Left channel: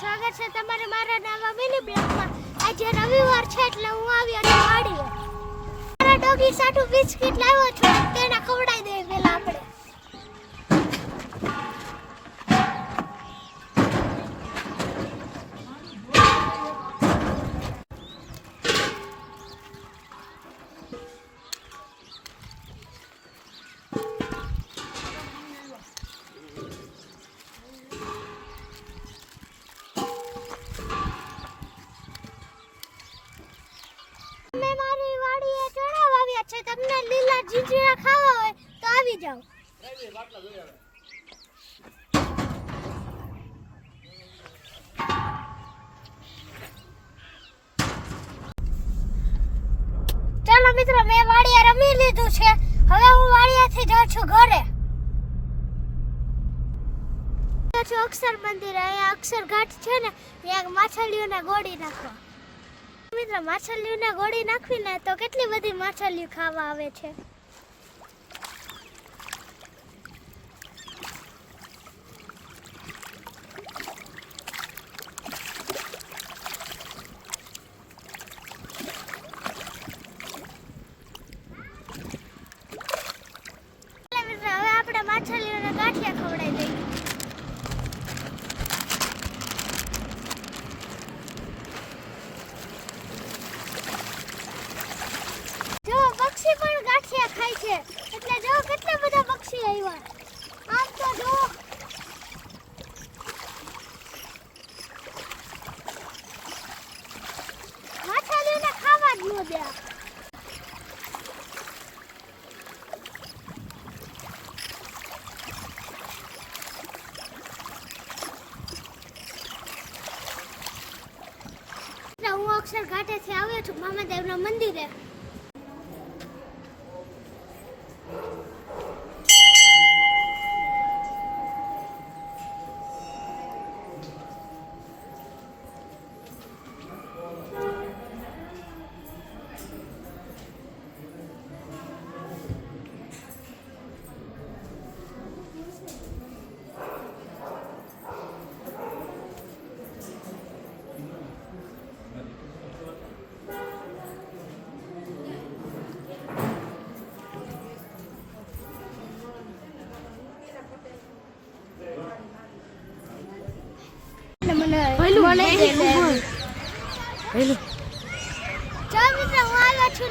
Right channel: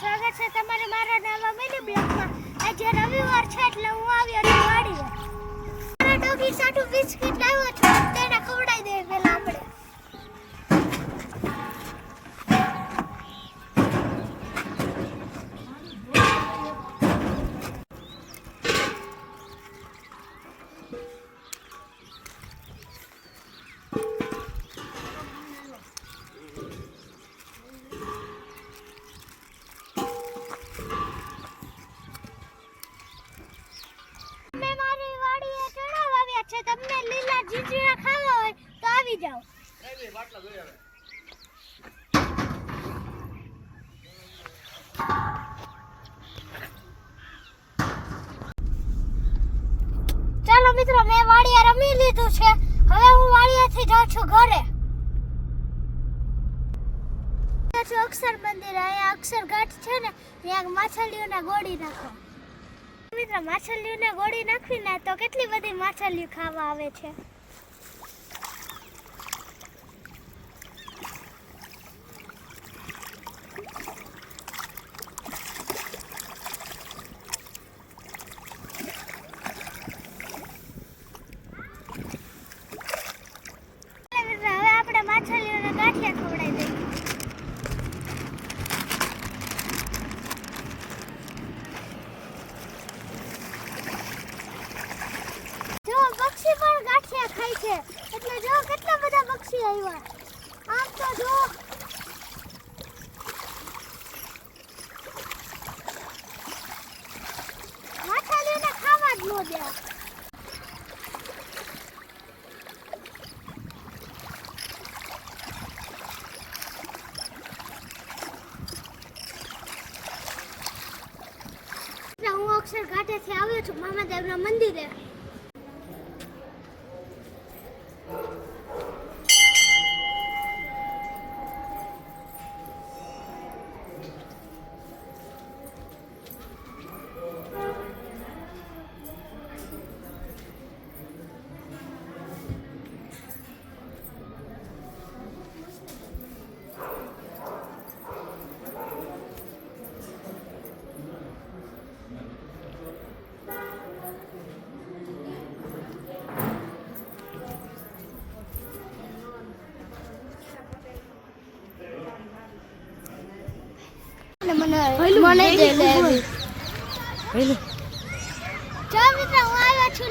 સ્વાગત છે તમારું મારા નવા મિની બ્લોગમાં. આજે રવિવાર છે એટલે હું આવ્યો છું વાડીએ. મારા ડોગી સાટુ બિસ્કિટ લાવ્યો છું, તેને ખવડાવી દઈએ પહેલા આપણે. તમને લીલા જીંજરા ખાવા હોય તો આવી જાઓ. ચાલો મિત્રો, મેં વાડીએ રમી લીધું છે. હવે હું વાડીએથી જાઉં છું ઘરે. અક્ષર મંદિર, અહીંયા અક્ષર ઘાટ છે ને, ત્યાં માછલીઓને ગોળી નાખો. મિત્રો, માછલીઓને ગોળી નાખવીને તો કેટલી બધી માછલીઓ ખાવા આવે છે. મિત્રો, હવે આપણે માછલીઓને ગાંઠિયા ખવડાવી દઈએ. પક્ષી પણ ગાંઠિયા ખાય છે, એટલે જો કેટલા બધા પક્ષી આવ્યા. આમ તો જો માછલીઓને ખાવા જ ન દે. હું અક્ષર ઘાટેથી આવ્યો છું મામાદેવના મંદિરે.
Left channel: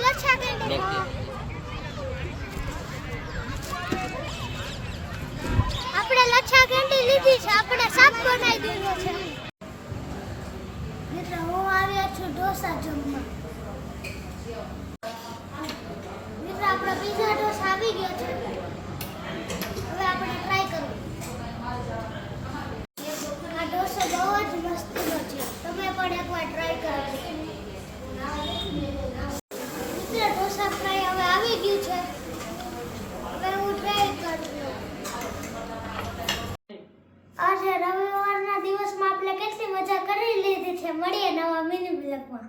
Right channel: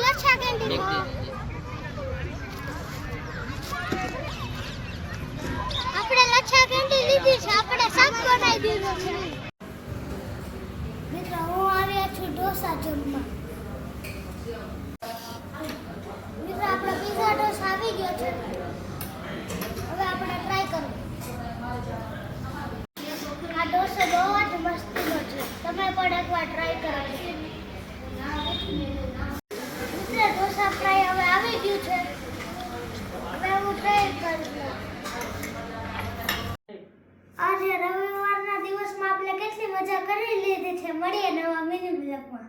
લચ્છા કેન્ટીનમાં. આપણે લચ્છા કેન્ટી લીધી છે, આપણે શાક બનાવી દીધો છે. મિત્રો, હું આવ્યા છું ઢોસા જમવા. મિત્રો, આપણો પીઝા ઢોસા આવી ગયો છે. હવે આપણે ટ્રાય કરવું. આ ઢોસો બહુ જ મસ્તીનો છે, તમે પણ એકવાર ટ્રાય કરો. ઢોસા ફ્રાય હવે આવી ગયું છે. હવે હું ટ્રાય કરી લઉં. આજે રવિવારના દિવસમાં આપણે કેટલી મજા કરી લીધી છે. મળીએ નવા મિની બ્લોગમાં.